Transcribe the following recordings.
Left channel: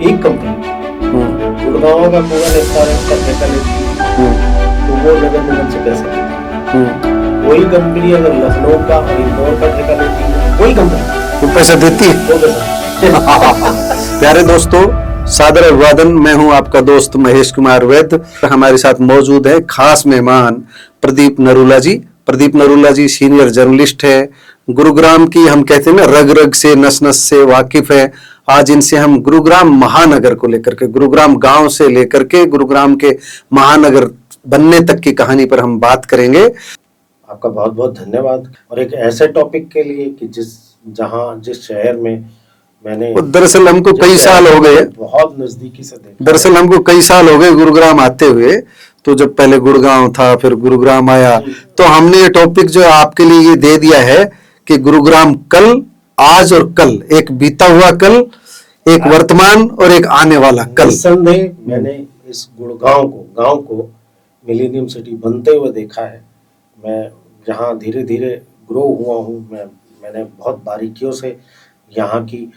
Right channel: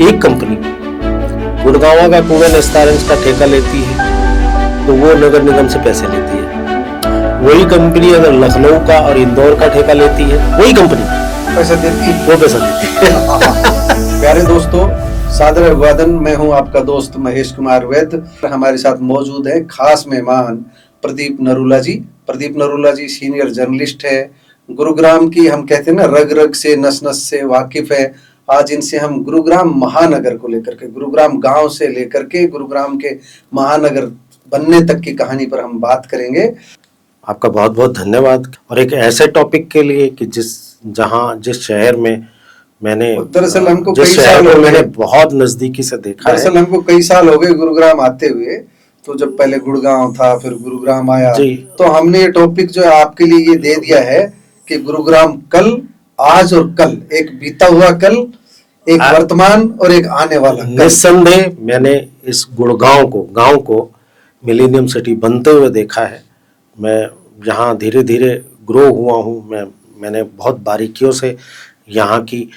एक कंपनी गुड़गांव का कूड़ा निस्तारण का ठेका लेती है तो वो नगर निगम से पैसे लेती है। वही कंपनी अगर लखनऊ का और इंदौर का ठेका लेती है, वही कंपनी वो पैसे देती है। वो पैसा देती है। प्यारे दोस्तों, सादर अभिवादन। मैं हूं आपका दोस्त महेश कुमार वैद्य। हमारे साथ मौजूद है खास मेहमान प्रदीप नरूला जी। प्रदीप नरूला जी सीनियर जर्नलिस्ट है। गुरुग्राम की हम कहते हैं ना, रग रग से नस नस से वाकिफ है। आज इनसे हम गुरुग्राम महानगर को लेकर के, गुरुग्राम गांव से लेकर के गुरुग्राम के महानगर बनने तक की कहानी पर हम बात करेंगे। आपका बहुत बहुत धन्यवाद। और एक ऐसे टॉपिक के लिए कि जिस शहर में मैंने दरअसल हमको कई साल हो गए, बहुत नजदीकी से देखा। दरअसल हमको कई साल हो गए गुरुग्राम आते हुए। तो जब पहले गुड़गांव था, फिर गुरुग्राम आया, तो हमने ये टॉपिक जो आपके लिए ये दे दिया है कि गुरुग्राम कल, आज और कल, एक बीता हुआ कल, एक वर्तमान और एक आने वाला कल। निस्संदेह मैंने इस गांव को मिलेनियम सिटी बनते हुए देखा है। मैं यहाँ धीरे धीरे ग्रो हुआ हूँ। मैंने बहुत बारीकियों से यहाँ की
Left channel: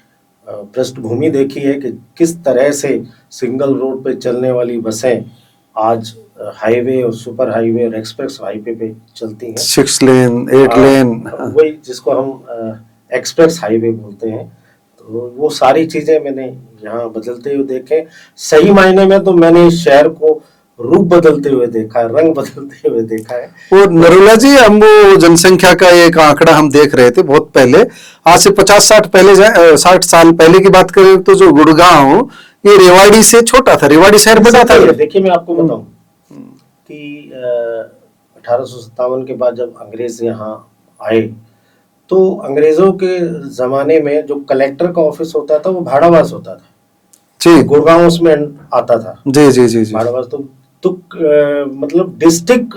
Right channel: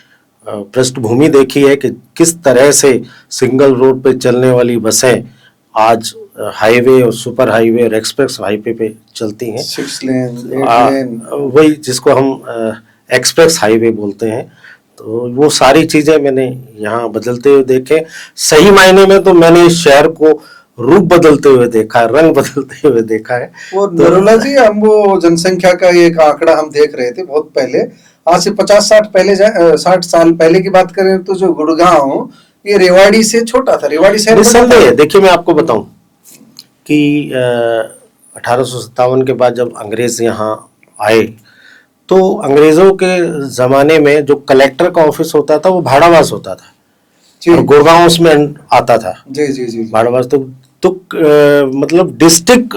पृष्ठभूमि देखी है कि किस तरह से सिंगल रोड पे चलने वाली बसें आज हाईवे और सुपर हाईवे और एक्सप्रेस हाईवे पे चलती हैं। 6 लेन 8 लेन, वही जिसको हम एक्सप्रेस हाईवे बोलते हैं। तो वो सारी चीजें मैंने यहाँ बदलते हुए देखे। सही मायने में तो मैंने इस शहर को रूप बदलते हुए देखा है, रंग बदलते हुए देखा है। और नरूला जी, हम वो जनसंख्या का एक आंकड़ा हम देख रहे थे बहुत पहले, आज से 50-60 साल पहले की बात करें तो जो गुड़गांव ये रेवाड़ी से छोटा था। रेवाड़ी शहर बड़ा था। देखिए, मैं आपको बताऊं कि 1857 के बाद जब अंग्रेज यहाँ आए तो अंग्रेजों के जमाने में जो कलेक्टर का ऑफिस होता था वो भाड़ावास होता था जी। गुड़गांव उसमें आता था जी जी जी, जी। भाड़ावास तो मतलब डिस्ट्रिक्ट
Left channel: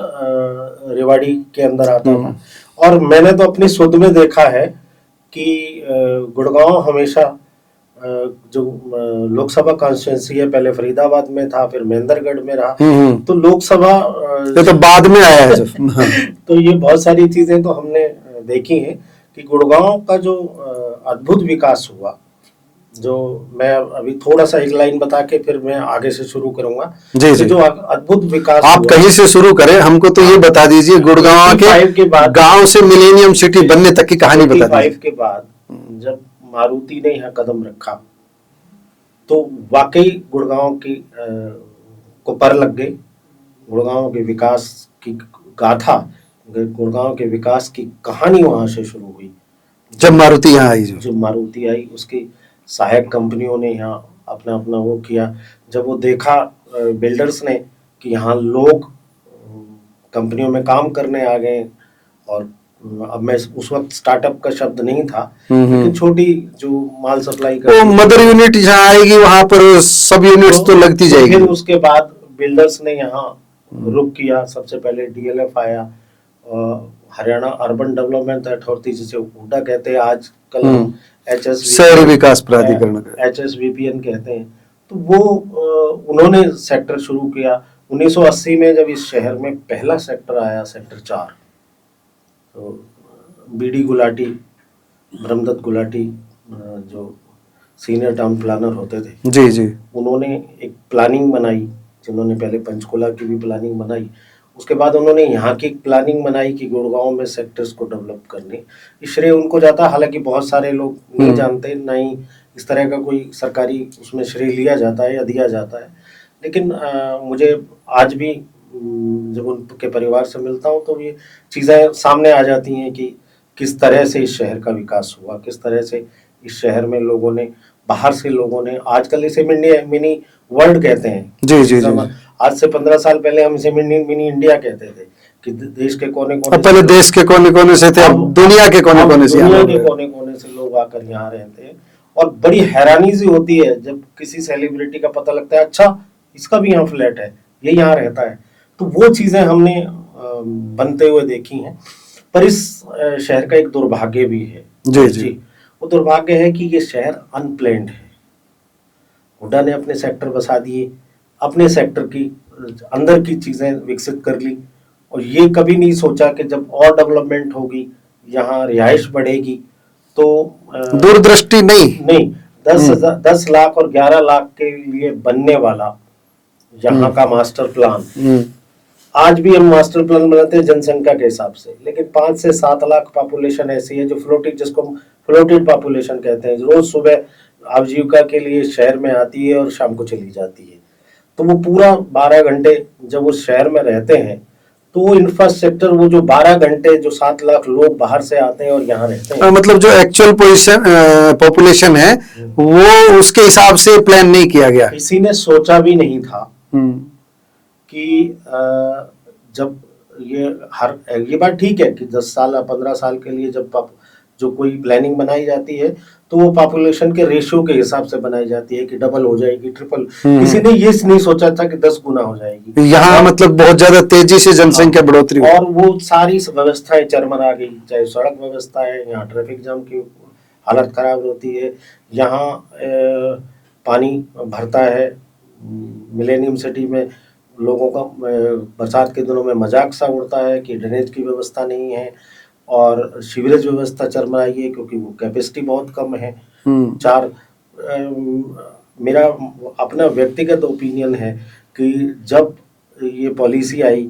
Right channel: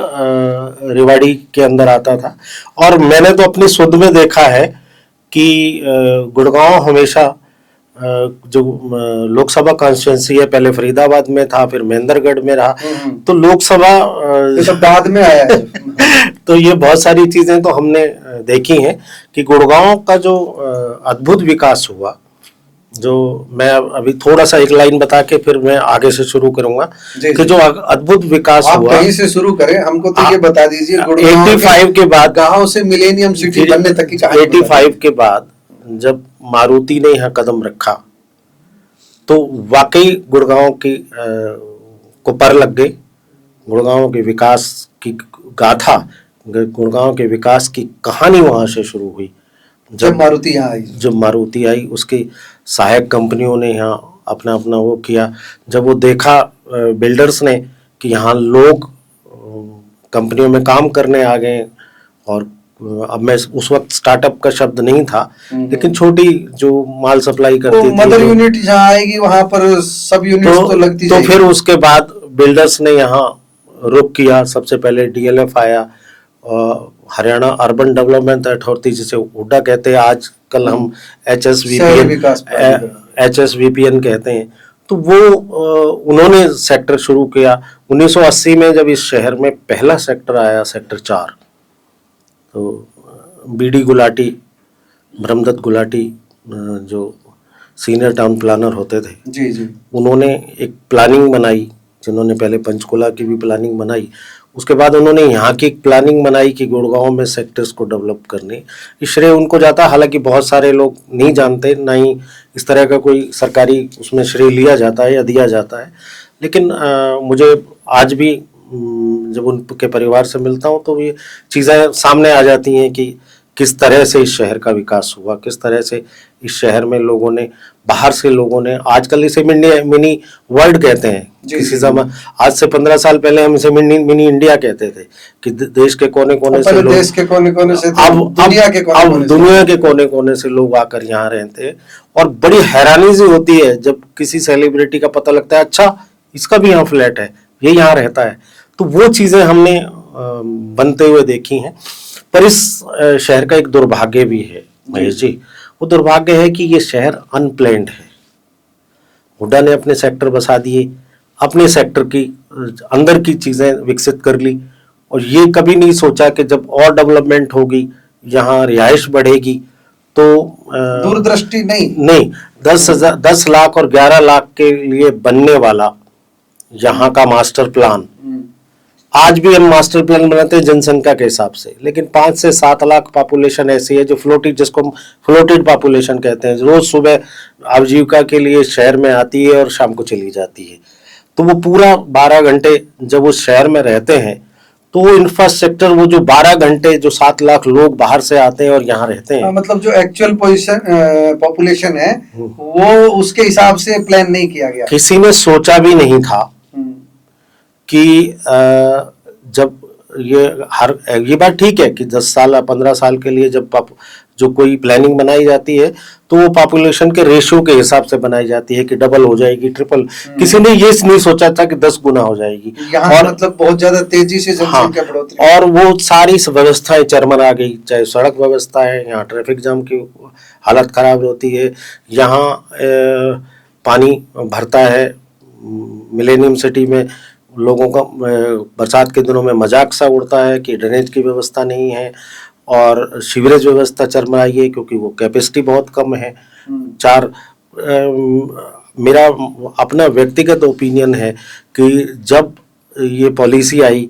रेवाड़ी के अंदर आता था। और मैंने तो अपनी सुध में देखा है कि गुड़गांव हमेशा जो लोकसभा कॉन्स्टिट्यूंसी है, पहले फरीदाबाद में था, फिर महेंद्रगढ़ में रहा। तो लोकसभा तो बाद में आया है। तो ये बहुत सारी चीजें तो हमने देखी हैं कि गुड़गांव का जो अद्भुत विकास हुआ, जो मैं अभी थोड़ा सा एक लाइन बता के फिर मैं आगे से शुरू करूंगा कि जो अद्भुत विकास आप कहीं से शुरू करें, हमको तो ये बता दीजिए गुड़गांव 85 के बाद, गांव से मिलेनियम सिटी बनने तक की कहानी। 85 के बाद जब मारुति ने यहाँ कदम रखा तो वाकई गुड़गांव की को पर लग गई। गुड़गांव के विकास की गाथा, गुड़गांव के विकास की कहानी वहां से शुरू हुई जब मारुति यहाँ आई। जब मारुति आई, उसकी सहायक कंपनियों ने यहाँ अपना अपना वो किया। जब वो देखा बिल्डर्स ने कि यहाँ लोग कंपनियों में काम करने आ गए, और अब मैं उस वक्त स्टार्टअप का शब्द नहीं था, लेकिन छोटी जो माल सप्लाई करती मदर यूनिट जहाँ आएगी वहां पर सब यूनिट्स तो लगती जाएगी। फिर उसके बाद बिल्डर्स ने यहाँ रुक किया। सबसे पहले डीएलएफ आया, हरियाणा अर्बन डेवलपमेंट अथॉरिटी, जिसे हुडा कहते हैं, आजकल हम HSVPN कहते हैं। तो वो उन्होंने सेक्टर शुरू किया। 1980 में जब इस शहर में पहला सेक्टर आया, सेक्टर 4, तो बीडी गुलाटी, ब्रह्मदत्त गुलाटी जो सीनियर टाउन प्लानर होते थे जी जी, उन्होंने एक प्लानिंग बनाई, जिन्होंने पहले पंचकुला की भी प्लानिंग बनाई। उसके बाद उन्होंने यहाँ की प्लानिंग बनाई कि गुड़गांव में सेक्टर्स को डेवलप करने। ये श्रेय उनको जाता, हालांकि बहुत सारे लोग नहीं जानते, ना ही इस तरह का कोई सरकारी उसमें श्रेय लिया जाता है या दिया जाता है। लेकिन मुझे आज भी जब उनके परिवार से मिलता हूँ तो ये चीज़ें सामने आ जाती हैं कि किस तरह से इस शहर का विकास हुआ, किस तरह से इस शहर में लोगों ने, बाहर से लोगों ने, आजकल इसे मिनी वर्ल्ड कहते हैं जी जी, आज से 15 साल पहले हम इसे मिनी इंडिया कहते थे कि देश के कोने कोने से, देश के कोने कोने से थे, दुनिया के कोने कोने से लोग आकर यहाँ रहते हैं। और बड़ी हैरानी सी होती है जब किसी सेलिब्रिटी का पता लगता है, अच्छा इसका भी यहाँ फ्लैट है, ये यहाँ रहता है। तो वो चीजें हमने बनते हुए देखी हैं। पर इस शहर का एक दुर्भाग्य भी है जी। वो दुर्भाग्य है कि ये शहर अनप्लैन्ड है। हुड्डा ने अपने सेक्टर बसा दिए, अपने सेक्टर की अंदर की चीजें विकसित कर ली, और ये कभी नहीं सोचा कि जब और डेवलपमेंट होगी, यहाँ रिहाइश बढ़ेगी, तो दूरदृष्टि नहीं, 10 लाख और 11 लाख के लिए बनने वाला यहाँ का मास्टर प्लान, आज भी हम मास्टर प्लान बनाते हैं जनसंख्या के हिसाब से, लेकिन 5 से 7 लाख पॉपुलेशन ऐसी है जो फ्लोटेड, जिसको हम फ्लोटेड पॉपुलेशन कहते हैं, रोज सुबह आजीविका के लिए शहर में आती है और शाम को चली जाती है। तो वो पूरा 12 घंटे जब वो शहर में रहते हैं तो वो इंफ्रास्ट्रक्चर, वो जो 12 घंटे जो 7 लाख लोग बाहर से आते हैं और यहाँ रहते हैं, मतलब जो एक्चुअल पॉपुलेशन है वो उसके हिसाब से प्लान नहीं किया गया। किसी ने सोचा भी नहीं था कि जब ये बात ठीक है कि 10 साल या 15 साल के लिए जब जो कोई प्लानिंग बनाई जाती है तो वो पॉपुलेशन के रेशियो के हिसाब से बनाई जाती है कि डबल हो जाएगी, ट्रिपल। किसी ने ये नहीं सोचा था कि 10 गुना हो जाएगी। यहाँ मतलब बहुत ज्यादा तेजी से जनसंख्या बढ़ोतरी, और वो सारी व्यवस्थाएं चरमरा गई, चाहे सड़क व्यवस्था है, यहाँ ट्रैफिक जाम की हालत खराब होती है, यहाँ पानी भरता है, मिलेनियम सिटी में लोगों का बरसात के दिनों में मजाक सा उड़ता है कि ड्रेनेज की व्यवस्था नहीं है, और सीवरेज व्यवस्था चरमराई है क्योंकि वो कैपेसिटी बहुत कम है। मेरा अपना व्यक्तिगत ओपिनियन है कि जब ये पॉलिसी आई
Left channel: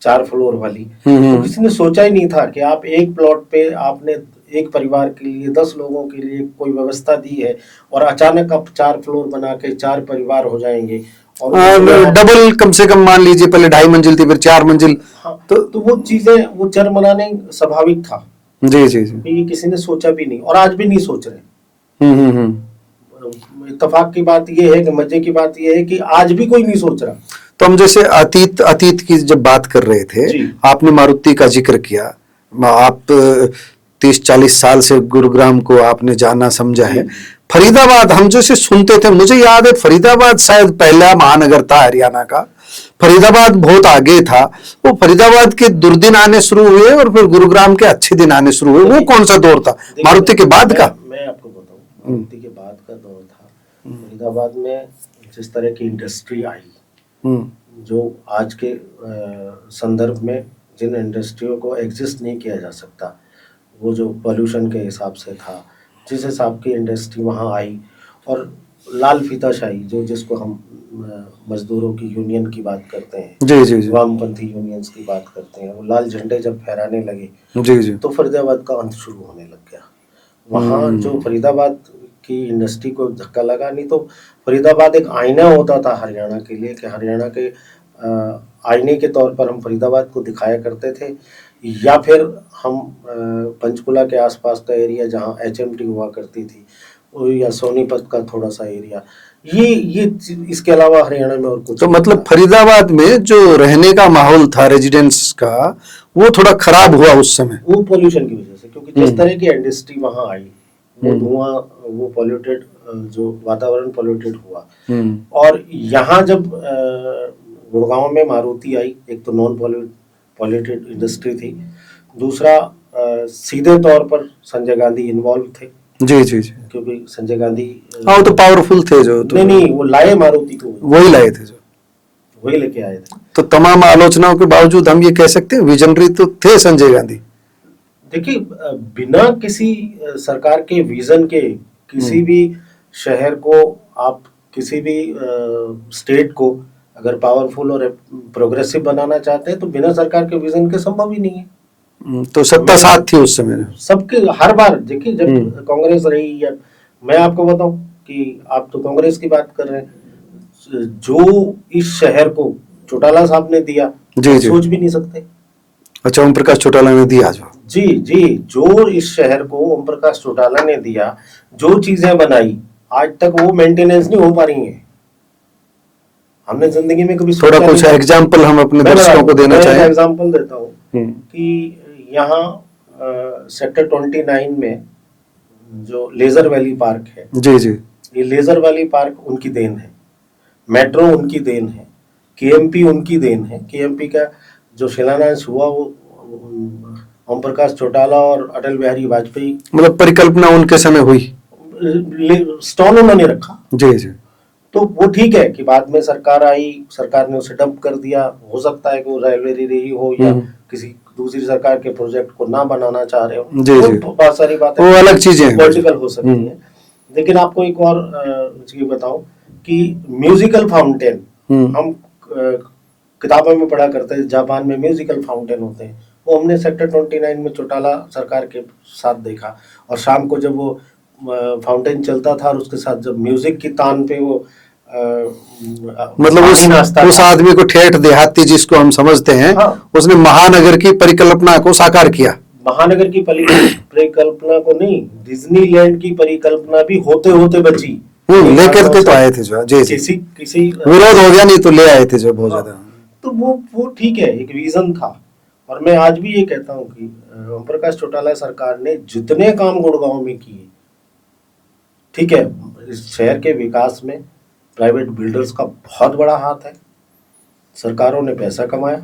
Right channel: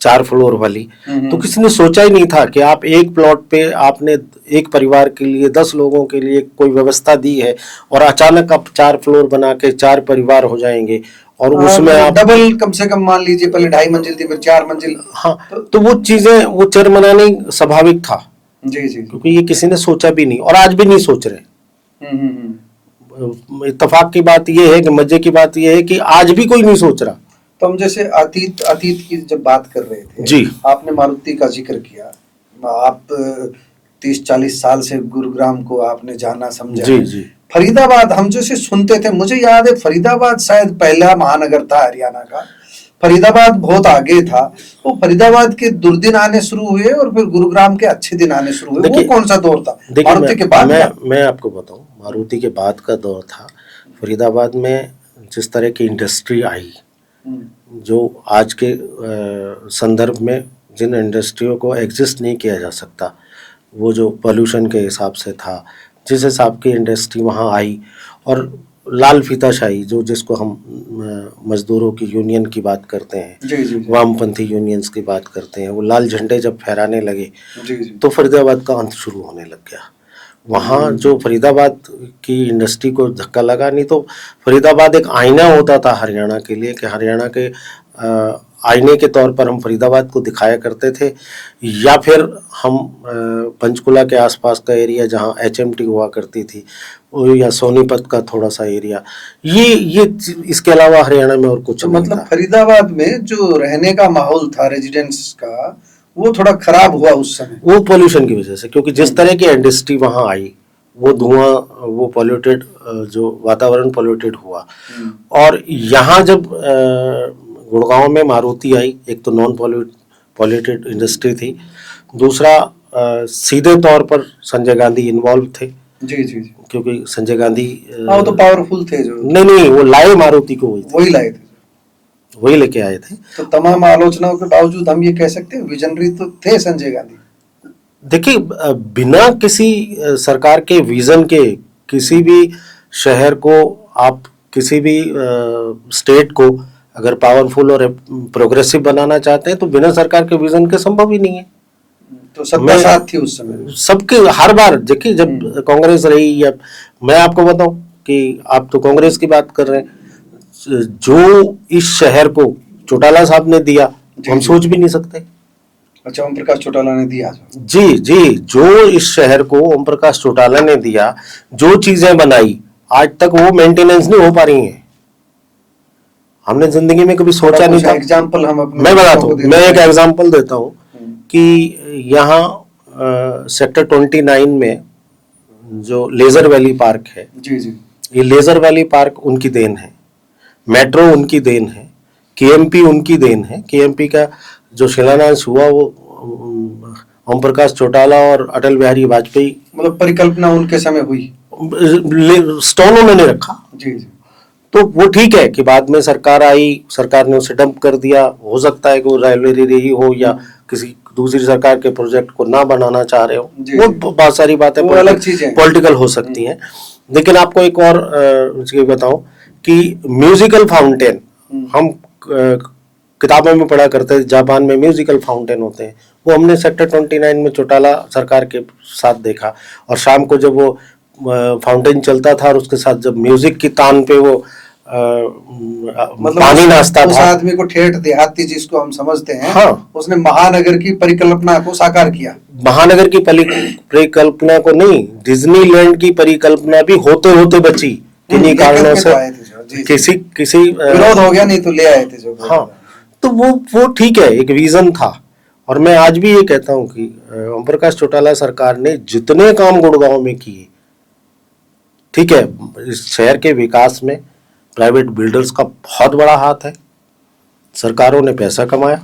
4 फ्लोर वाली, तो किसी ने सोचा ही नहीं था कि आप एक प्लॉट पे आपने एक परिवार के लिए 10 लोगों के लिए कोई व्यवस्था दी है और अचानक आप 4 फ्लोर बना के 4 परिवार हो जाएंगे, और उसमें डबल कम से कम मान लीजिए पहले 2.5 मंजिल थी फिर 4 मंजिल। हाँ, तो वो चीजें वो चरमरानी स्वाभाविक था। जी जी, क्योंकि ये किसी ने सोचा भी नहीं और आज भी नहीं सोच रहे। इत्तेफाक की बात ये है कि मजे की बात ये है कि आज भी कोई नहीं सोच रहा। तो हम जैसे अतीत की जब बात कर रहे थे जी, आपने मारुति का जिक्र किया, आप 30-40 साल से गुरुग्राम को आपने जाना समझा है। फरीदाबाद हम जैसे सुनते थे, मुझे याद है फरीदाबाद शायद पहला महानगर था हरियाणा का, फरीदाबाद बहुत आगे था। वो फरीदाबाद के दुर्दिन आने शुरू हुए और फिर गुरुग्राम के अच्छे दिन आने शुरू हुए। वो कौन सा दौर था मारुति के बाद का? मैं आपको बताऊं, मारुति के बाद का दौर था। फरीदाबाद में जिस तरह की इंडस्ट्री आई, जो आज के संदर्भ में जिन इंडस्ट्रियों को एग्जिस्ट नहीं किया जा सकता, वो जो पोल्यूशन के हिसाब से था, जिस हिसाब की इंडस्ट्री वहाँ आई, और लाल फीताशाही जो जिसको हम मजदूरों की यूनियन की बात करते हैं, जी जी जी, वामपंथी यूनियंस की बात करते हैं, वो लाल झंडे जब फहराने लगे जी जी, तो फरीदाबाद का अंत शुरू होने लग गया। वहाँ जो फरीदाबाद की इंडस्ट्री को धक्का लगा, नहीं तो फरीदाबाद एक आईना होता था हरियाणा के लिए, कि हरियाणा के आईने के तौर पर हम फरीदाबाद को दिखाया करते थे। या फिर हम पंचकुला के आसपास का एरिया जहाँ HMT हुआ करती थी, या सोनीपत का थोड़ा सा एरिया, ये इसके अलावा हरियाणा में और कुछ। तो मतलब फरीदाबाद में जो रहने का माहौल था रेजिडेंस का, वो थोड़ा खराब हुआ उस समय, वो पोल्यूशन की वजह से, क्योंकि जिस तरह की इंडस्ट्री वहाँ आई, वो धुआं, वो पॉल्यूटेड, जो वातावरण पॉल्यूटेड हुआ। और यहाँ जब गुड़गांव में मारुति आई, एक तो नॉन पॉल्यूटेड इंडस्ट्री थी, दूसरा सीधे तौर पर संजय गांधी इन्वॉल्व थे। जी जी जी, क्योंकि संजय गांधी वो तो पावरफुल थे जो, नहीं वो लाए मारुति को, वही लाए थे, जो वही लेके आए थे। तो तमाम आलोचनाओं के बावजूद हम ये कह सकते हैं विजनरी तो थे संजय गांधी। देखिए, बिना किसी सरकार के विजन के किसी भी शहर को, आप किसी भी स्टेट को अगर पावरफुल और प्रोग्रेसिव बनाना चाहते हैं तो बिना सरकार के विजन के संभव ही नहीं है। तो सत्ता साथ थी उस समय सबके, हर बार देखिए जब कांग्रेस रही, या मैं आपको बताऊं कि आप तो कांग्रेस की बात कर रहे हैं, जो इस शहर को चौटाला साहब ने दिया, जी, सोच भी नहीं सकते। अच्छा, ओम प्रकाश चौटाला ने दिया जो, जी, जो इस शहर को ओम प्रकाश चौटाला ने दिया, जो चीजें बनाई, आज तक वो मेंटेनेंस नहीं हो पा रही हैं। हमने जिंदगी में कभी सोचा नहीं। कुछ एग्जांपल हम अपने दर्शकों को देना मैं एक एग्जांपल देता हूँ कि यहाँ सेक्टर 29 में जो लेजर वैली पार्क है, जी जी, ये लेजर वैली पार्क उनकी देन है, मेट्रो उनकी देन है, KMP उनकी देन है। KMP का जो शिलान्यास हुआ वो ओम प्रकाश चौटाला और अटल बिहारी वाजपेयी, मतलब परिकल्पना उनके समय हुई, स्टोन उन्होंने रखा। जी जी, तो वो ठीक है कि बाद में सरकार आई, सरकार ने उसे डंप कर दिया। हो सकता है कि वो राइवलरी रही हो या किसी दूसरी सरकार के प्रोजेक्ट को ना बनाना चाह रहे हो, वो बहुत सारी बातें वो अलग चीजें पॉलिटिकल हो सकती हैं। लेकिन आपको एक और चीज बताऊं कि म्यूजिकल फाउंटेन, हम किताबों में पढ़ा करते हैं जापान में म्यूजिकल फाउंटेन होते हैं, वो हमने सेक्टर 29 में चौटाला सरकार के साथ देखा। और शाम को जब वो फाउंटेन चलता था और उसके साथ जब म्यूजिक की तान पे वो मतलब उस आदमी को ठेठ देहाती जिसको हम समझते हैं, हाँ, उसने महानगर की परिकल्पना को साकार किया। महानगर की परिकल्पना को नहीं, डिज्नीलैंड की परिकल्पना भी होते होते बची। लेकर के तो आए थे जो जी किसी विरोध हो गया, नहीं तो ले आए थे जो बहुत ज्यादा। तो वो ठीक है, एक विजन था। और मैं आज भी ये कहता हूँ कि ओम प्रकाश चौटाला सरकार ने जितने काम गुड़गांव में किए, ठीक है, इस शहर के विकास में प्राइवेट बिल्डर्स का बहुत बड़ा हाथ है। सरकारों ने पैसा कमाया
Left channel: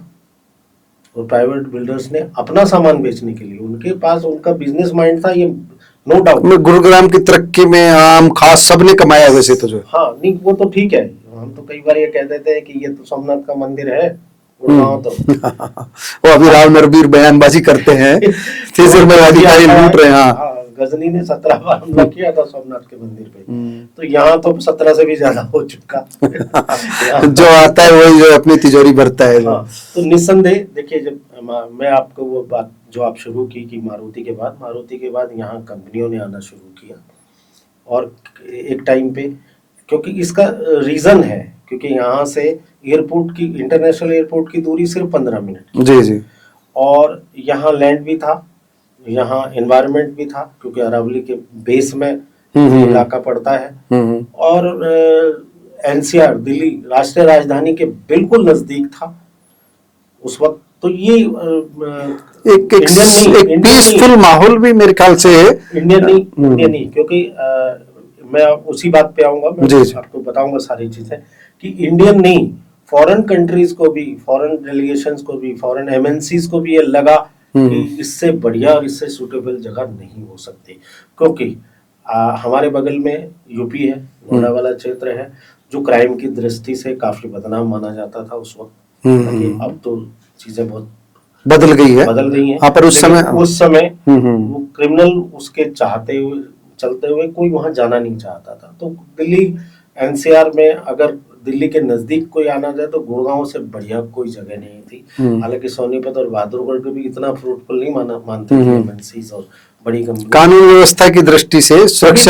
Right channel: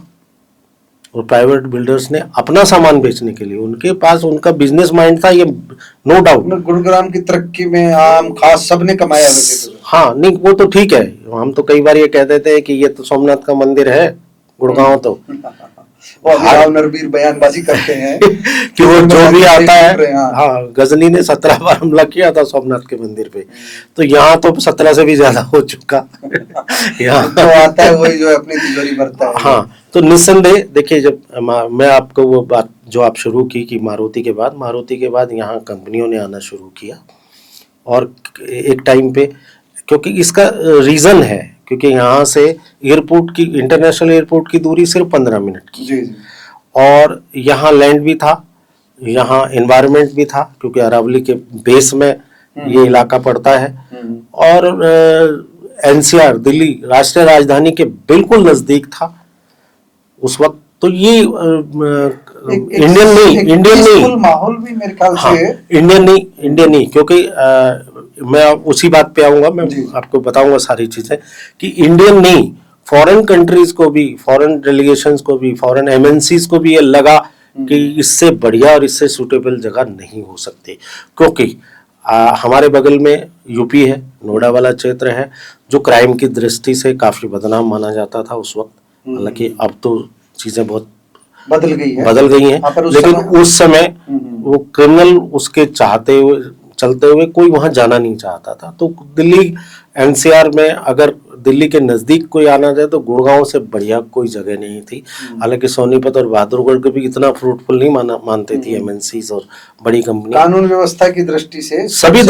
और प्राइवेट बिल्डर्स ने अपना सामान बेचने के लिए, उनके पास उनका बिजनेस माइंड था, ये नो डाउट। गुरुग्राम की तरक्की में आम खास सबने कमाया वैसे तो जो। हाँ, नहीं वो तो ठीक है। हम तो कई बार ये कहते थे कि ये तो सोमनाथ का मंदिर है गुड़गांव, तो वो अभी राव नरवीर बयानबाजी करते हैं कि गजनी ने 17 बार हमला किया था सोमनाथ के मंदिर पे, तो यहाँ तो 17 से भी ज्यादा हो चुका। जो आता है वही जो अपनी तिजोरी भरता है। हाँ, तो निस्संदेह देखिए, जब मैं आपको वो बात जो आप शुरू की कि मारुति के बाद यहाँ कंपनियों ने आना शुरू किया। और एक टाइम पे, क्योंकि इसका रीजन है, क्योंकि यहाँ से एयरपोर्ट की, इंटरनेशनल एयरपोर्ट की दूरी सिर्फ 15 मिनट की। जी जी। और यहाँ लैंड भी था, यहाँ एनवायरनमेंट भी था, क्योंकि अरावली के बेस में ये इलाका पड़ता है। और एनसीआर दिल्ली राष्ट्रीय राजधानी के बिल्कुल नजदीक था उस वक्त। तो ये इंडियन माहौल भी मेरे ख्याल से इंडियन नहीं, क्योंकि मैं उसी बात पे आऊंगा, मैं आपको बताऊंगा सारी चीजें कि इंडियन नहीं, फॉरेन कंट्रीज को भी, फॉरेन डेलीगेशंस को भी, फॉरेन एमएनसीज को भी ये लगा कि इससे बढ़िया और इससे सूटेबल जगह नहीं हो सकती। क्योंकि हमारे बगल में यूपी है, नोएडा वाला क्षेत्र है, जो क्राइम की दृष्टि से काफी बदनाम माना जाता था उस वक्त। हालांकि अब तो चीजें बहुत बदल गई है। पर उस समय वो क्रिमिनल उसके चलते हुए कोई वहां जाना नहीं चाहता था। तो दिल्ली एनसीआर में अगर दिल्ली के नजदीक कोई आना जाए तो गुड़गांव से बढ़िया कोई जगह नहीं थी। हालांकि सोनीपत और बहादुरगढ़ को भी इतना फ्रूटफुल नहीं मानते थे एमएनसीज और बड़ी कंपनी। कानून व्यवस्था की दृष्टि से, सभी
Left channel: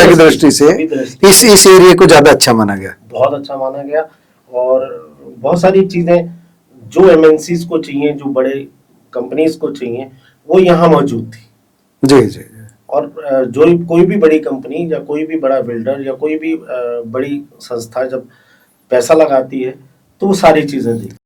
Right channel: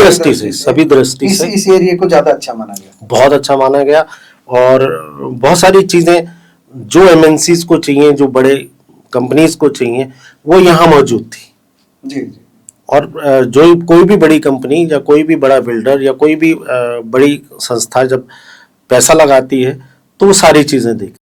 दृष्टि से इस एरिया को ज्यादा अच्छा माना गया, बहुत अच्छा माना गया। और बहुत सारी चीजें जो एमएनसीज को चाहिए, जो बड़े कंपनीज को चाहिए, वो यहाँ मौजूद थी। जी जी। और जो कोई भी बड़ी कंपनी या कोई भी बड़ा बिल्डर या कोई भी बड़ी संस्था जब पैसा लगाती है तो वो सारी चीजें देखती।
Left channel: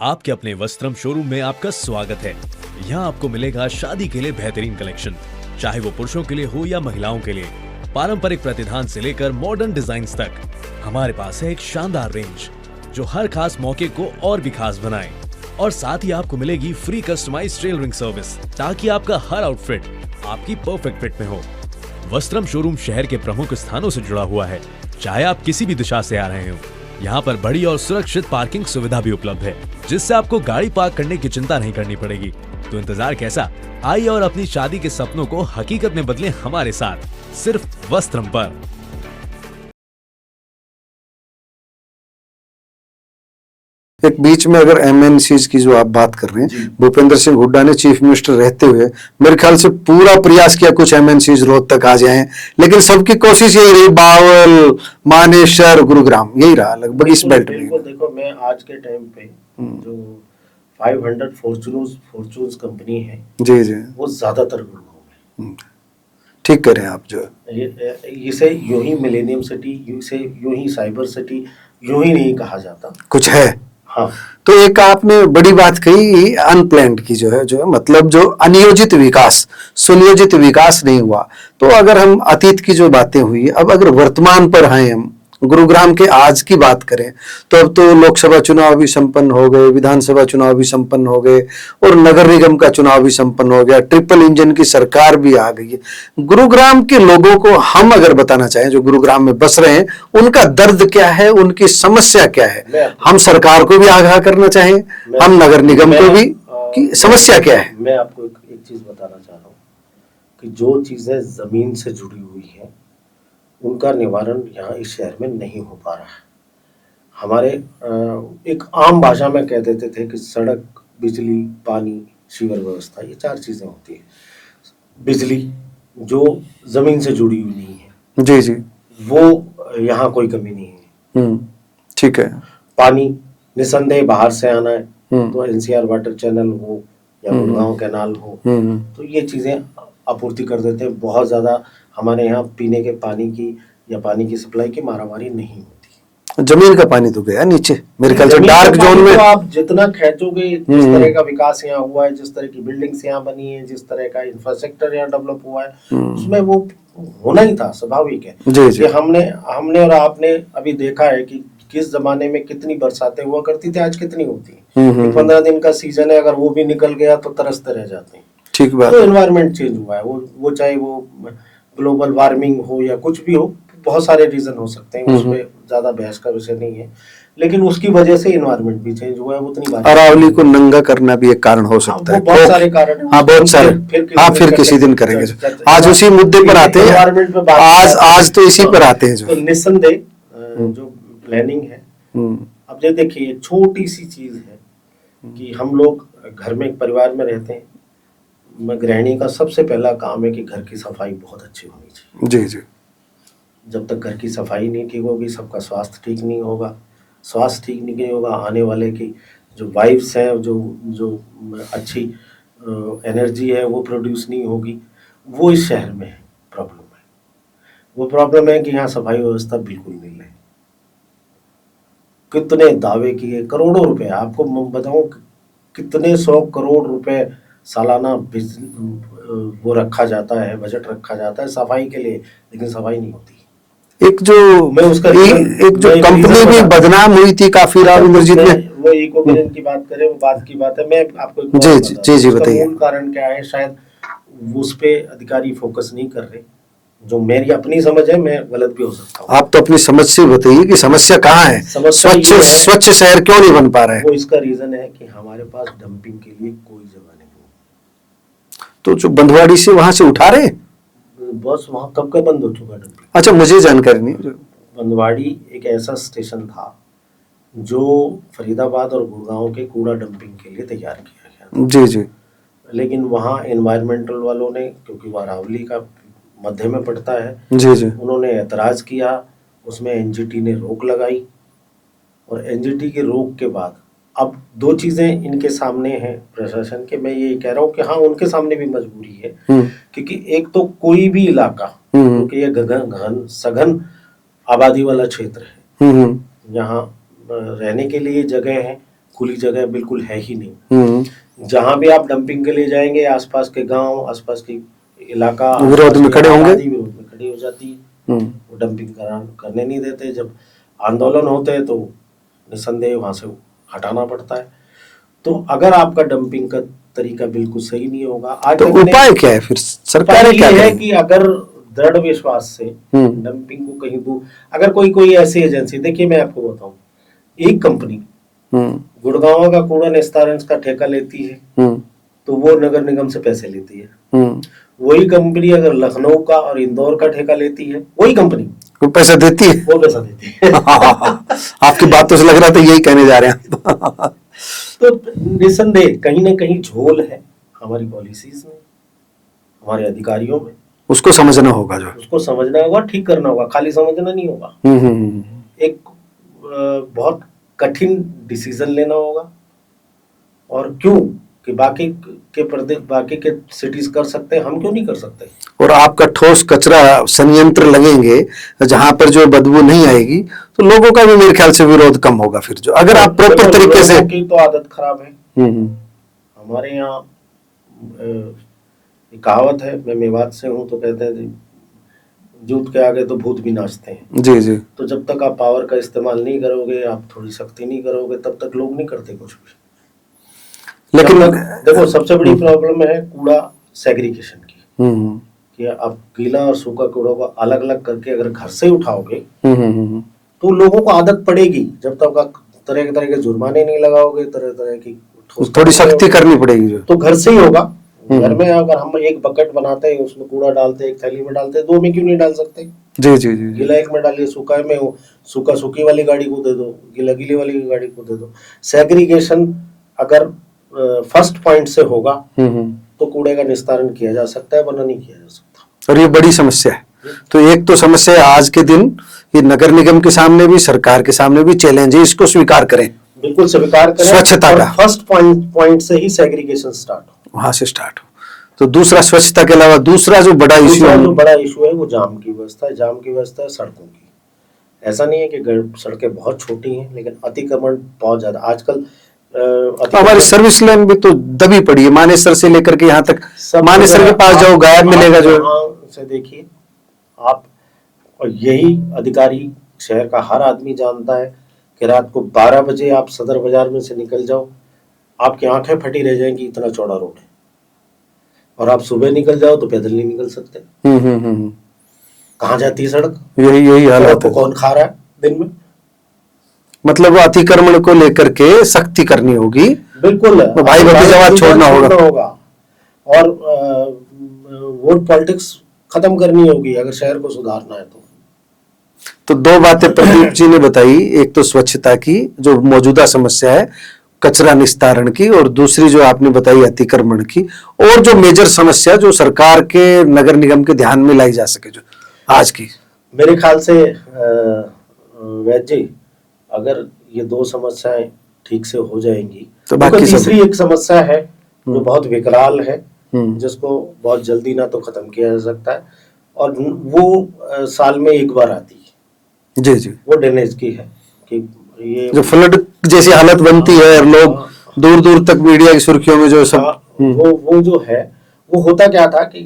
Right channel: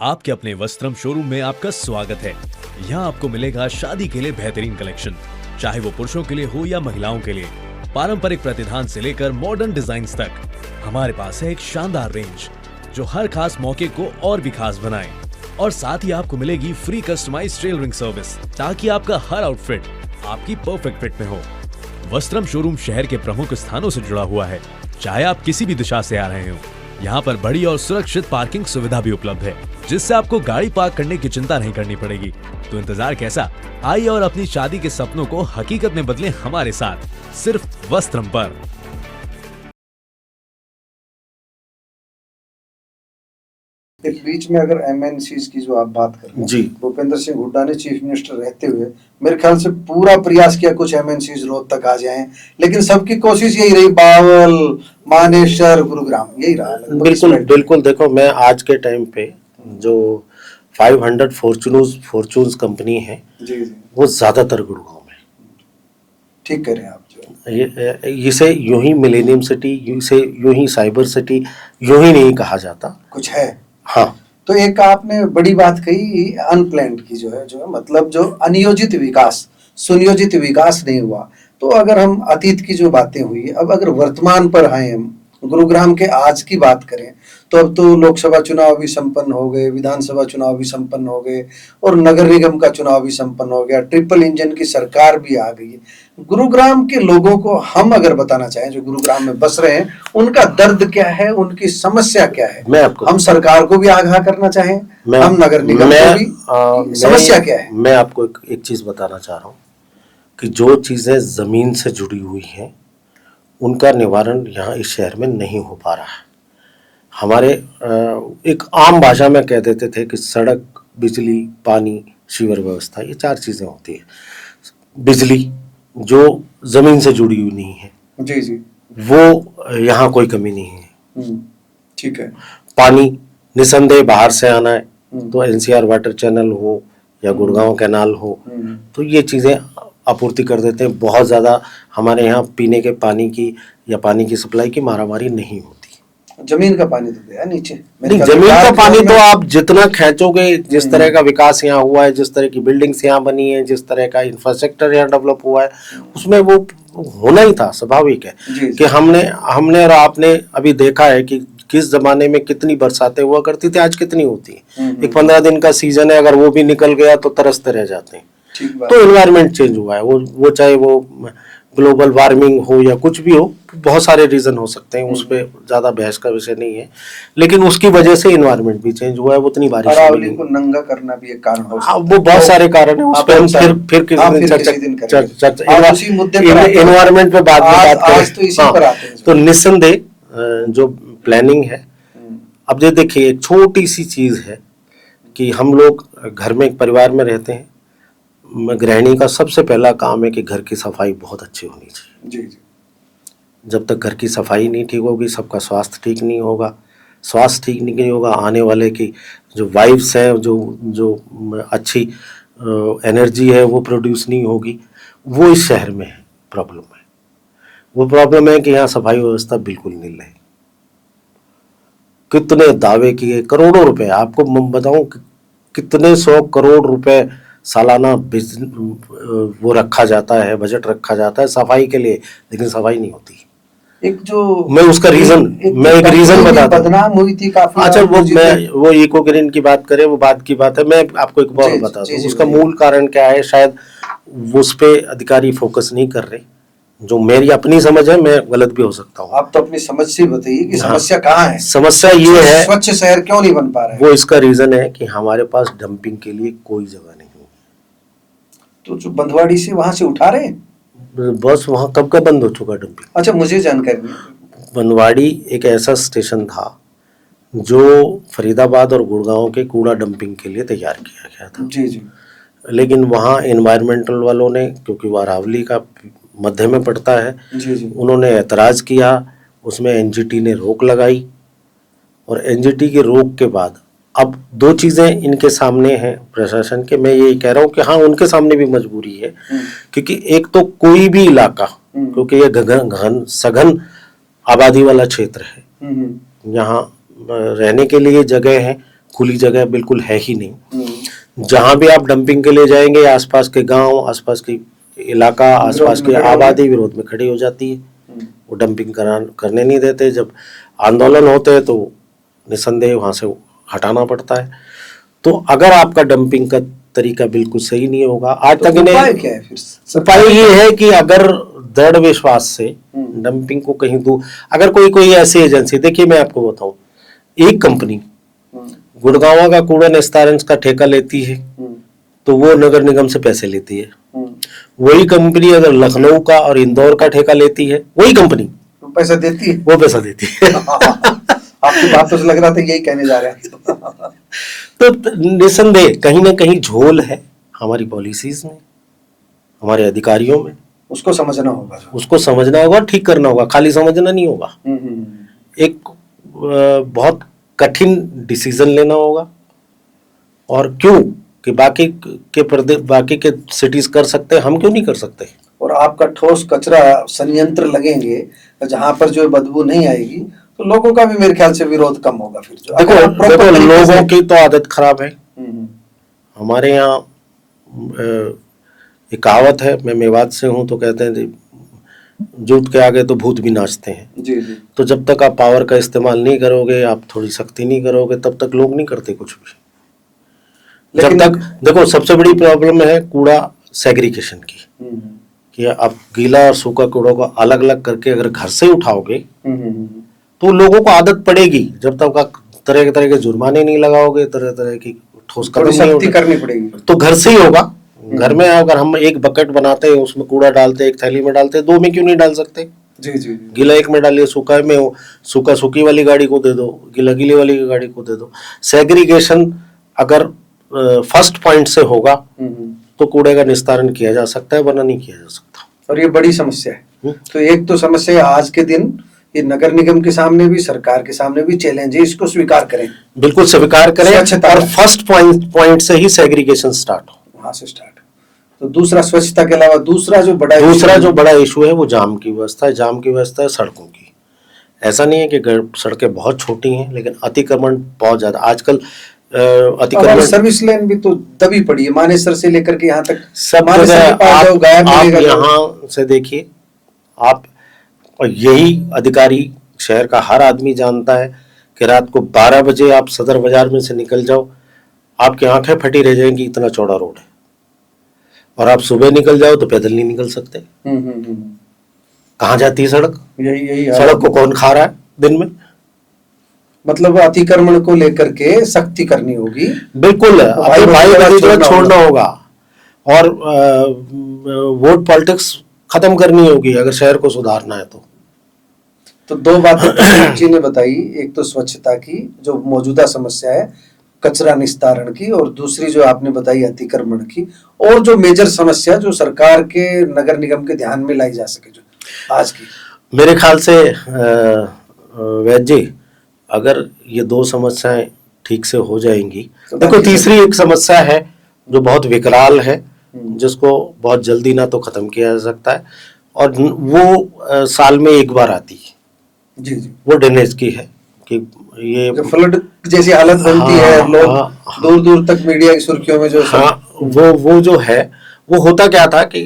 आपके अपने वस्त्रम शोरूम में आपका स्वागत है। यहाँ आपको मिलेगा शादी के लिए बेहतरीन कलेक्शन, चाहे वो पुरुषों के लिए हो या महिलाओं के लिए। पारंपरिक प्रतिधान से लेकर मॉडर्न डिजाइन्स तक हमारे पास है एक शानदार रेंज जो हर खास मौके को और भी खास बनाए। और साथ ही आपको मिलेगी फ्री कस्टमाइज्ड टेलरिंग सर्विस, ताकि आपका हर आउटफिट आपकी परफेक्ट फिट में हो। वस्त्रम शोरूम शहर के प्रमुख स्थानों से जुड़ा हुआ है, चाहे आप किसी भी दिशा से आ रहे हो। यहाँ पर बड़ी और सुरक्षित पार्किंग सुविधा भी उपलब्ध है, जिससे आपको गाड़ी पार्क करने की चिंता नहीं करनी पड़ेगी। तो इंतजार कैसा, आइए और अपनी शादी के सपनों को हकीकत में बदलें हमारे साथ, सिर्फ वस्त्रम पर। एक बीच में अगर एमएनसीज की जो आप बात कर रहे हैं, भूपेंद्र सिंह हुड्डा ने चीफ मिनिस्टर रहते हुए मेरे ख्याल से पूरा प्रयास किया कुछ एमएनसीज रोहतक आ जाएं, लेकिन सबकी कोशिश यही रही बावल, मानेसर, गुरुग्राम, यही रहा लगभग। बिल्कुल देखो, मैं आज के टाइम पे जो 500 फॉर्च्यून्स कंपनी है, जी जी, वो ज्यादातर गुड़गांव में। ठीक करें आप जो इसे यूं ही मिलेनियम सिटी, इसे यूं ही साइबर सिटी यूं ही नहीं कहा जाता, कुछ है। हाँ, तो एक आपने बड़ी बात कही अनप्लान्ड की, जो है मतलब जो अनियोजित विकास, सुनियोजित विकास नहीं हुआ। तो अगर हम अतीत की जो बातें हुई, अब अगर वर्तमान पर आए, हम गुरुग्राम के आज की बात करें, तो अब तो लोकसभा चुनाव भी संपन्न हो गए, विधानसभा चुनाव भी संपन्न हो गए और नगर निगम का चुनाव भी संपन्न हो गया, ट्रिपल इंजन की सरकार भी आ गई है। गुरुग्राम के लोगों को हम अगर बताना चाहें, जो गुरुग्राम में बस रहे हैं, उनका दर्द क्या है, उनकी समस्या क्या है, हम सरकार को भी आगाह करना चाहें, हम नगर निगम को भी, समस्या क्या है। मैं आपको एक चीज बताना चाह रहा हूँ कि जो चीज़ें ज़मीन से जुड़ी हुई हैं उनका निवारण यहाँ इस शहर में नहीं हो पा रहा है। हमारे एक आम भाषा में कह देते थे कि सड़क, बिजली, पानी, सीवर व्यवस्था, ये 4 चीज़ें होती है। बिजली जो ज़मीन से जुड़ी हुई नहीं है, जी जी, वो यहाँ कोई कमी नहीं है। ठीक है। पानी निसंदेह बाहर से आना है, तो एनसीआर वाटर चैनल हो या गुड़गांव कैनाल हो, तो ये चीज़ें आपूर्ति कर देते हैं। बहुत ज़्यादा हमारे यहाँ पीने के पानी की या पानी की सप्लाई की मारामारी नहीं होती। जमीन का पानी तो गया नीचे मेरे ख्याल से। जमीन का डार्क पानी जोन में तो आप जितना खींचोगे, जिस तरह का विकास यहाँ हुआ है, जिस तरह की बिल्डिंग्स यहाँ बनी है, जिस तरह का इंफ्रास्ट्रक्चर यहाँ डेवलप हुआ है, उसमें वो होना ही था, स्वाभाविक है। जी, जी। कि हमने और आपने अभी देखा है कि किस जमाने में कितनी बरसातें हुआ करती थी, आज कितनी होती है। एक 15 दिन का सीजन है, अगर वो भी निकल गया तो तरसते रह जाते हैं। ठीक बात। तो एनवायरनमेंट चेंज हुआ है, वो चाहे वो ग्लोबल वार्मिंग हो या कुछ भी हो, बहुत सारे रीजन हो सकते हैं, उसमें ज्यादा बहस का विषय नहीं है। लेकिन उसकी वजह से एनवायरनमेंट भी चेंज हुआ है, उतनी बारिश। अरावली को नंगा करना भी एक कारण हो सकता है। वो बहुत सारे कारण है। हाँ, बहुत सारे। फिर किसी दिन करेंगे। आज उसी मुद्दे पर आते हैं, एनवायरनमेंट पे बात आज तो इसी पर आते हैं। तो निस्संदेह जो प्लानिंग है, अब ये देखिए एक छोटी सी चीज है कि हम लोग घर में एक परिवार में रहते हैं, गृहिणी का सबसे पहला काम है कि घर की सफाई बहुत अच्छी होनी चाहिए। जी जी। जब तक घर की सफाई नहीं ठीक होगी, सबका स्वास्थ्य ठीक नहीं होगा। स्वास्थ्य ठीक नहीं होगा, आने वाले की जो वाइब्स है, जो अच्छी एनर्जी है, वो प्रोड्यूस नहीं होगी। वो इस शहर में प्रॉब्लम है। वो प्रॉब्लम है कि यहाँ सफाई व्यवस्था बिल्कुल नहीं है। कितने दावे किए, करोड़ों रुपए, आपको मैं बताऊं कितने 100 करोड़ रुपए सालाना वो रखा जाता है, बजट रखा जाता है सफाई के लिए, लेकिन सफाई नहीं होती। एक जो मैं उसका रीजन बदनाम हुई थी काफी। वो इको ग्रीन की बात करें, वो बात की बात है। मैं आपको एक बात बताता हूं, उसका मूल कारण क्या है। शायद उस पे अधिकारी फोकस नहीं कर रहे, जो मेरी अपनी समझ है, मैं गलत भी हो सकता हूँ। आप तो अपनी समझ से बताइए कि समस्या कहाँ है। समस्या ये है, स्वच्छ शहर क्यों नहीं बन पा रहा है। वो इसका रीजन है कि हमारे पास डंपिंग के लिए कोई जगह नहीं है। तो जो बंधवाड़ी से वहां से उठा रहे, बस वहां कब का बंद हो चुका डंपिंग। अच्छा, मुझे जानकारी नहीं। बनवाड़ी एक ऐसा स्टेशन था जो फरीदाबाद और गुड़गांव के कूड़ा डंपिंग के लिए तैयार किया गया था। जी जी। लेकिन वहाँ एनवायरमेंटल वालों ने, क्योंकि वो अरावली का मध्य में पड़ता है, जी जी, उन्होंने ऐतराज किया। उसमें एनजीटी ने रोक लगाई, और एनजीटी के रोक के बाद अब 2 चीजें इनके सामने हैं प्रशासन के। मैं ये कह रहा हूँ कि हाँ, उनके सामने भी मजबूरी है, क्योंकि एक तो कोई भी इलाका, क्योंकि ये घन सघन आबादी वाला क्षेत्र है, यहाँ रहने के लिए जगह है, खुली जगह बिल्कुल है ही नहीं। जहां भी आप डंपिंग के लिए जाएंगे, आसपास के गांव, आसपास की इलाका, आसपास की आबादी विरोध में खड़ी हो जाती है। वो डंपिंग करने नहीं देते। जब आंदोलन होते हैं तो निसंदेह वहां से हटाना पड़ता है। तो अगर आपका डंपिंग का तरीका बिल्कुल सही नहीं होगा, आज तो तक उपाय क्या है फिर? सरकार ये है कि अगर दृढ़ विश्वास से डंपिंग को कहीं दूर, अगर कोई ऐसी एजेंसी, देखिए मैं आपको बताऊं, एक कंपनी गुड़गांव का कूड़ा निस्तारण का ठेका लेती है, तो वो नगर निगम से पैसे लेती है। वही कंपनी अगर लखनऊ का और इंदौर का ठेका लेती है, वही कंपनी वो पैसा देती है, वो पैसा देती है। आपकी बात तो से लग रहा था यही कहने जा रहे हैं। तो निसंदेह कहीं ना कहीं झोल है हमारी पॉलिसीज में, हमारे अधिकारियों में। उसको समझना होगा, जो उसको समझना होगा, ठीक करना होगा, खाली समझना नहीं होगा। एक बहुत कठिन डिसीजन लेना होगा। और क्यों कि बाकी के सिटीज कर सकते हैं, हम क्यों नहीं कर सकते। और आपका ठोस कचरा संयंत्र लगेंगे जहां पर जो बदबू नहीं आएगी, तो लोगों का भी मेरे ख्याल से विरोध कम होगा। फिर जो अगर आप प्रॉपर तरीके से, की तो आदत खराब है। हमारे यहाँ एक कहावत है, मैं मेवात से हूँ, तो कहते हैं जूत के आगे तो भूत भी नाचते हैं। जी जी। तो जब तक आप पावर का इस्तेमाल नहीं करोगे, आप थोड़ी सख्ती नहीं करोगे, तब तक लोग नहीं करते कुछ भी। लेकिन देखो, सबसे बड़ी प्रॉब्लम है कूड़ा सेग्रीगेशन की, कि आप गीला और सूखा कूड़ा को अलग अलग करके अगर घर से उठाओगे तो लोगों को आदत पड़ेगी। जब तक आप तरह के जुर्माने नहीं लगाओगे, तरह की ठोस थोड़ी सख्ती करनी पड़ेगी, तो घर से ही होगा। घर में अगर हम एक बकेट बनाते हैं, उसमें कूड़ा डालते हैं, एक थैली में डालते हैं, दो में क्यों नहीं डाल सकते? जी जी जी। गीला एक में डालिए, सूखा में सूखा सूखी वाली गाड़ी को दे दो, गीला गीली वाली गाड़ी को दे दो। सेग्रीगेशन अगर फर्स्ट पॉइंट से होगा तो कूड़े का निस्तारण किया जा सकता है, वरना नहीं किया जा सकता। और ये बड़ी समस्या है। तो एक तो समस्या है आज के दिन, ये नगर निगम के सामने भी, सरकार के सामने भी चैलेंज है, इसको स्वीकार करें, बिल्कुल स्वीकार करें, स्वच्छता और का। फर्स्ट पॉइंट से ही सेग्रीगेशन स्टार्ट हो, वहां से स्टार्ट हो। तो दूसरा, स्वच्छता के अलावा दूसरा जो बड़ा इशू है वो जाम की व्यवस्था है। जाम की व्यवस्था है सड़कों की। ऐसा नहीं है कि सड़कें बहुत छोटी हैं, लेकिन अतिक्रमण बहुत ज्यादा आजकल। हमारी सर्विस लेन भी तो दबी पड़ी है, मानेसर से लेकर के यहाँ तक। सब मानेसर के पास जाओ, गायब मिलेगा। यहाँ से देखिए आप, और यही अधिकारी शहर का हर आदमी जानता है कि रात को 12 बजे आप सदर बाजार में से निकल जाओ, आपकी आंखें फटी रह जाएंगी, इतना चौड़ा रोड है। और आप सुबह निकल जाओ तो पैदल नहीं निकल सकते। कहाँ जाती है सड़क? यही सड़क को कौन खा रहा है दिन में? मतलब अतिक्रमण को लेकर के सख्ती करनी होगी। बिल्कुल, तो भाई छोड़ना होगा। और वोट पॉलिटिक्स खत्म करनी होगी अगर शहर को सुधारना है तो दो बातें प्रदीप जी ने बताई, एक तो स्वच्छता की जो मौजूदा समस्या है, कचरा निस्तारण की, और दूसरी जो आपने बताई अतिक्रमण की, और जो मेजर समस्या जो सरकार के, नगर निगम के ध्यान में लाई जा सके जो आज की। मेरे ख्याल से वैद्य जी, अगर ये दो समस्याएं ठीक से हो जाएंगी तो तीसरी एक समस्या है जो बहुत विकराल है, जिसको बहुत जल्दी ना तो खत्म किया जा सकता है, और वो साल में एक बार आती है। जी जी। वो ड्रेनेज की है कि ये जो फ्लड जैसी हालत बनती है, और लोग दूर दूर तक मीडिया की सुर्खियों में जो वो जो है, वो होता क्या था कि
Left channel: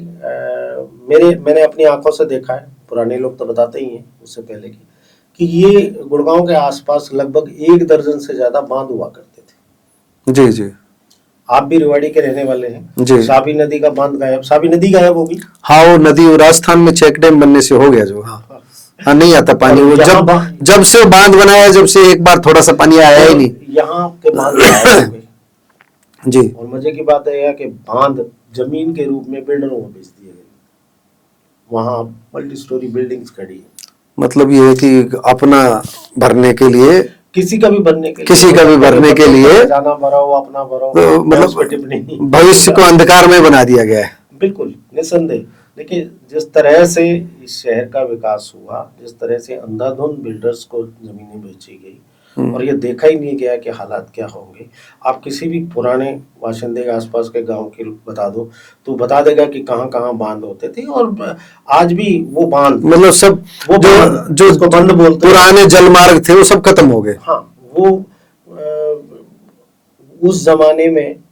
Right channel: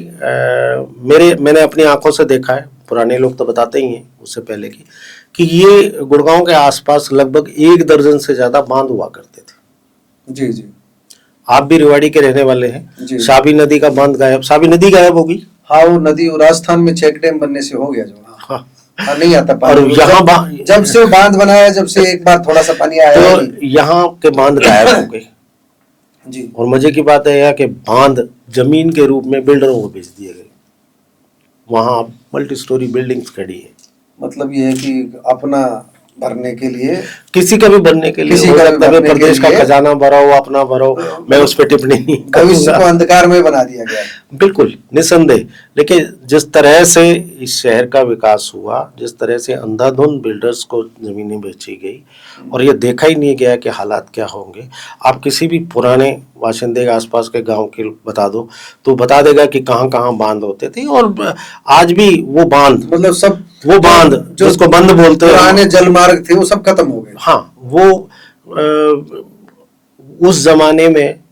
मैंने अपनी आंखों से देखा है, पुराने लोग तो बताते ही हैं उससे पहले कि ये गुड़गांव के आसपास लगभग 1 दर्जन से ज्यादा बांध हुआ करते थे। जी जी। आप भी रेवाड़ी के रहने वाले हैं जी। साबी नदी का बांध गायब, साबी नदी गायब होगी। हाँ, वो नदी राजस्थान में चेक डैम बनने से हो गया जो। हाँ, नहीं आता पानी। जब से बांध बनाया, जब से एक बार थोड़ा सा पानी आया ही नहीं। यहाँ के बांध गायब हो गए जी। और मजे की बात है कि बांध जमीन के रूप में बिल्डरों को बेच दिए गए। वहां मल्टी स्टोरी बिल्डिंग्स खड़ी है। मतलब ये है कि अपना भरने के लिए, किसी का भी भरने के लिए खजाना भरो, अपना भरो, मैं उस पर टिप्पणी नहीं। भविष्य को अंधकार में बना दिया गया है। बिल्कुल निसंदेह। लेकिन जिस तरह से इस शहर का विकास हुआ, जिस तरह से अंधाधुंध बिल्डर्स को जमीनें बेची गई और ये देखा ही नहीं गया कि हालात क्या होंगे। आप किसी भी पुराने बाशिंदे के आसपास के गांव के बता दो तो बता देगा कि कहाँ कहाँ बांध होते थे, और आज भी वो बांध, मतलब सब वो बांध जो उसको बंद बोलते हैं, पुराने जल मार्ग थे वो सब खत्म हो गए। हाँ, वो उस जमाने में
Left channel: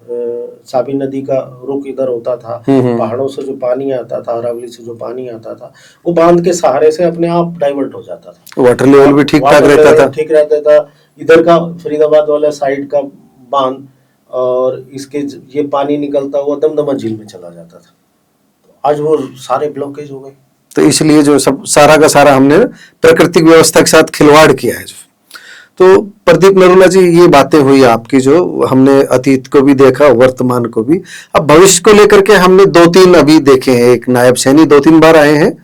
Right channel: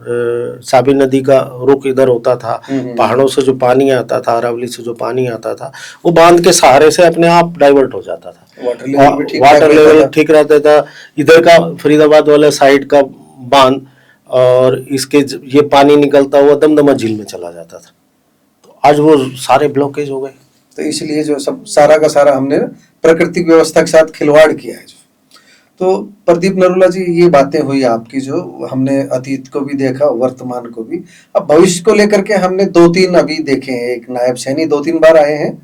साबी नदी का रुख इधर होता था, पहाड़ों से जो पानी आता था, अरावली से जो पानी आता था, वो बांध के सहारे से अपने आप डाइवर्ट हो जाता था। वाटर लेवल भी ठीक रहता था। इधर का फरीदाबाद वाला साइड का बांध और इसके ये पानी निकलता हुआ दमदमा झील में चला जाता था। तो आज वो सारे ब्लॉकेज हो गए। तो इसलिए जो सब सारा का सारा हमने प्राकृतिक व्यवस्था के साथ खिलवाड़ किया है। तो प्रदीप नरूला जी, ये बातें हुई आपकी, जो हमने अतीत को भी देखा, वर्तमान को भी। अब भविष्य को लेकर के हमने 2-3 अभी देखे हैं। एक नायब सैनी 2-3 बार आए हैं,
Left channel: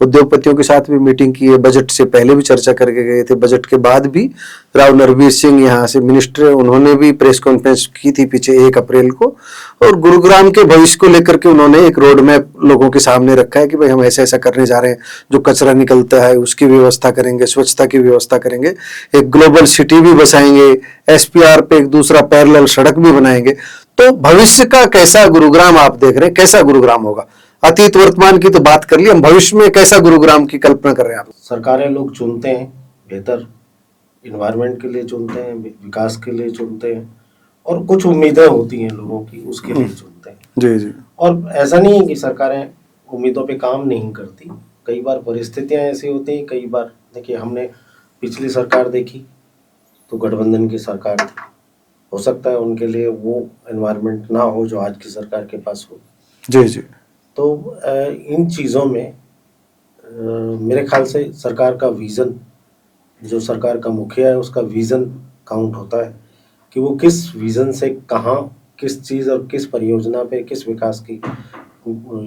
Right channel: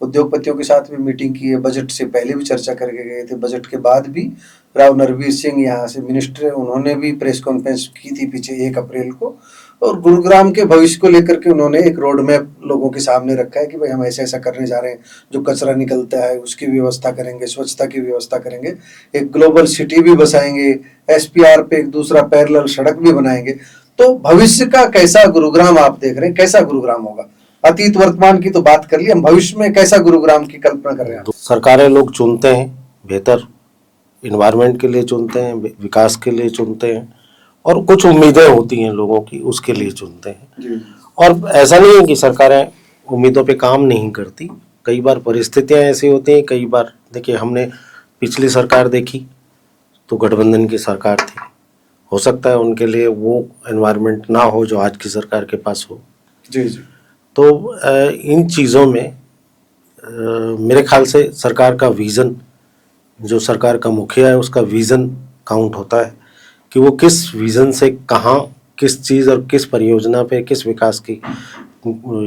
उद्योगपतियों के साथ भी मीटिंग की है, बजट से पहले भी चर्चा करके गए थे, बजट के बाद भी राव नरवीर सिंह यहाँ से मिनिस्टर, उन्होंने भी प्रेस कॉन्फ्रेंस की थी पीछे 1 अप्रैल को, और गुरुग्राम के भविष्य को लेकर के उन्होंने एक रोड मैप लोगों के सामने रखा है कि भाई हम ऐसा ऐसा करने जा रहे हैं, जो कचरा निकलता है उसकी व्यवस्था करेंगे, स्वच्छता की व्यवस्था करेंगे, एक ग्लोबल सिटी भी बसाएंगे, SPR पे एक दूसरा पैरेलल सड़क भी बनाएंगे। तो भविष्य का कैसा गुरुग्राम आप देख रहे हैं, कैसा गुरुग्राम होगा? अतीत वर्तमान की तो बात कर ली, हम भविष्य में कैसा गुरुग्राम की कल्पना कर रहे हैं आप? सरकारें लोग चुनते हैं, बेहतर इन्वायरमेंट के लिए चुनते हैं, विकास के लिए चुनते हैं, और कुछ उम्मीदें होती हैं लोगों की, उसके लिए चुनते हैं। जी जी। और ऐसा नहीं है कि सरकारें उम्मीदों पे काम नहीं करती, कई बार परिस्थितियां ऐसी होती हैं। कई बार देखिए, हमने पिछली सरकार देखी तो गठबंधन की सरकार थी, हो सकता है उनके लिए वो एनवायरनमेंट ना हो जो आज की सरकार के पास हो। जी जी। तो इन चीज़ों में मेरे ख्याल से सरकार का विज़न, जो सरकार का मुखिया है उसका विज़न काउंट होता है कि वो किस विज़न से कहाँ किस चीज़ और किस परियोजना पे, किस विकास की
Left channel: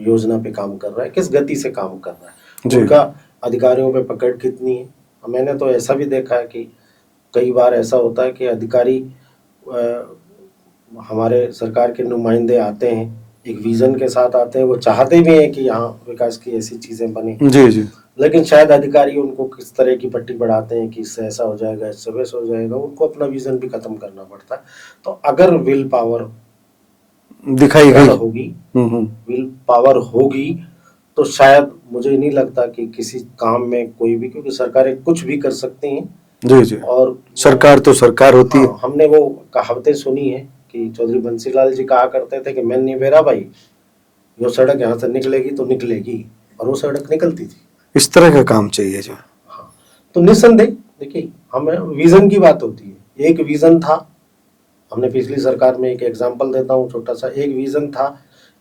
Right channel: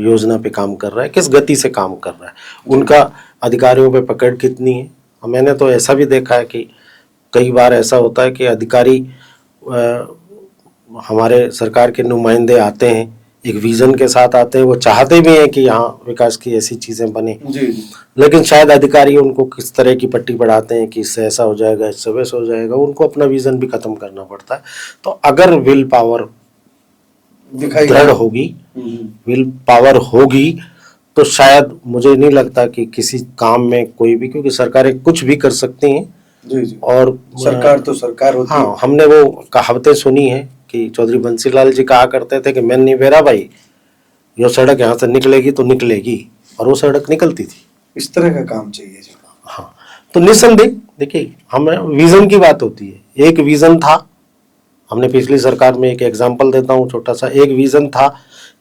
योजना पे काम कर रहा है, किस गति से काम कर रहा है, उनका अधिकारियों पे पकड़ कितनी है। मैंने तो ऐसा भी देखा है कि कई बार ऐसा होता है कि अधिकारी हमारे सरकार के नुमाइंदे आते हैं, एक विजन के साथ आते हैं, वो चाहते भी हैं कि यहाँ विकास की ऐसी चीज़ें बने, जी जी, लेकिन शायद अधिकारी उनको किस तरह की पट्टी बढ़ाते हैं कि इससे ऐसा हो जाएगा, इससे वैसा हो जाएगा, उनको अपना विजन भी खत्म करना पड़ता है। तो अगर विल पावर दिखाई दृढ़ है। होगी, विल पावर होगी, तो शायद मुझे नहीं लगता कि किसी काम में कोई भी, क्योंकि सरकारें कुछ भी कर सकती हैं। जी जी, और सरकार तो सरकार होती है। हाँ, हमने वो कहावतें सुनी है कि चौधरी बंसीलाल जी कहा करते थे कि मैं नहीं बेरा भाई, ये सड़क यहाँ से निकलेगी तो निकलेगी, और वो सड़क निकलती थी। इस तरह का काम चाहिए जी। हाँ, तो निस्संदेह देखिए, हमें विजन की बात होती है। एक विजन था, हमने पिछली सरकार में एक एग्जाम्पल देता हूँ छोटा सा, एक विजन था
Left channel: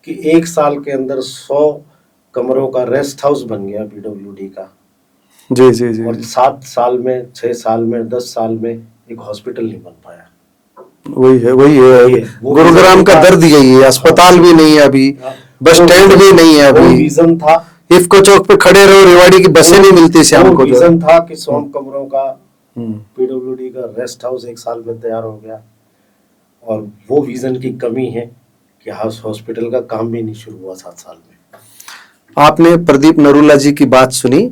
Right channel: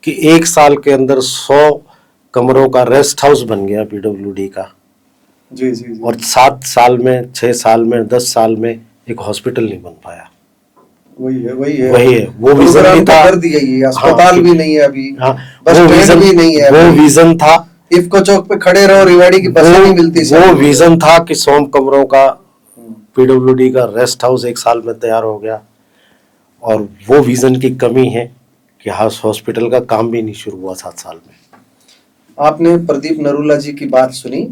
कि 1 साल के अंदर 100 कमरों का रेस्ट हाउस बन गया पीडब्ल्यूडी का, जी जी जी, और 7 साल में, 6 साल में, 10 साल में एक हॉस्पिटल नहीं बन पाया। वही है वही है। वो गुरुग्राम विजन का था। दर्द यही है, अस्पताल भी नहीं है अभी, हाँ, बस वो स्टैंड विजन- भी नहीं है वो अभी, विजन था, इफ्को चौक पे खड़े रहो, रेवाड़ी की बसें नहीं मिलती वो शाम को। विजन था कि 100 कमरों का पीडब्ल्यूडी का रेस्ट हाउस 1 साल में तैयार हो गया, और वो विजन की कमी है कि हॉस्पिटल का काम भी नहीं शुरू हुआ 7 साल में। आपने प्रदीप नरूला जी की बात सुनी,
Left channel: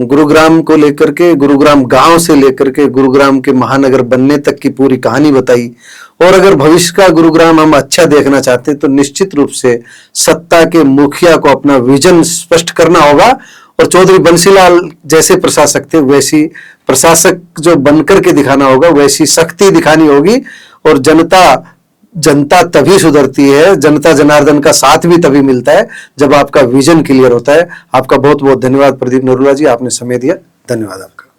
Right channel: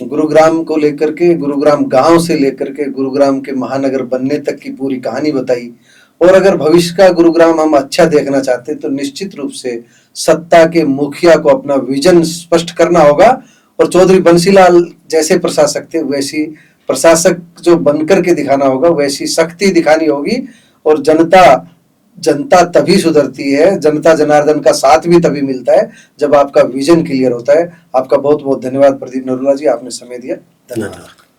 गुरुग्राम को लेकर के, गुरुग्राम गांव से लेकर के गुरुग्राम के महानगर बनने तक की पूरी कहानी बताई। और अगर भविष्य का गुरुग्राम हम अच्छा देखना चाहते हैं तो निश्चित रूप से सत्ता के मुखिया को अपना विजन स्पष्ट करना होगा, और चौधरी बंसीलाल जैसे प्रशासक थे वैसी प्रशासक जो बनकर के दिखाना होगा, वैसी शक्ति दिखानी होगी। और जनता तभी सुधरती है, जनता जनार्दन का साथ भी तभी मिलता है जब आपका विजन क्लियर होता है। आपका बहुत बहुत धन्यवाद प्रदीप नरूला जी, आपने समय दिया, धन्यवाद आपका।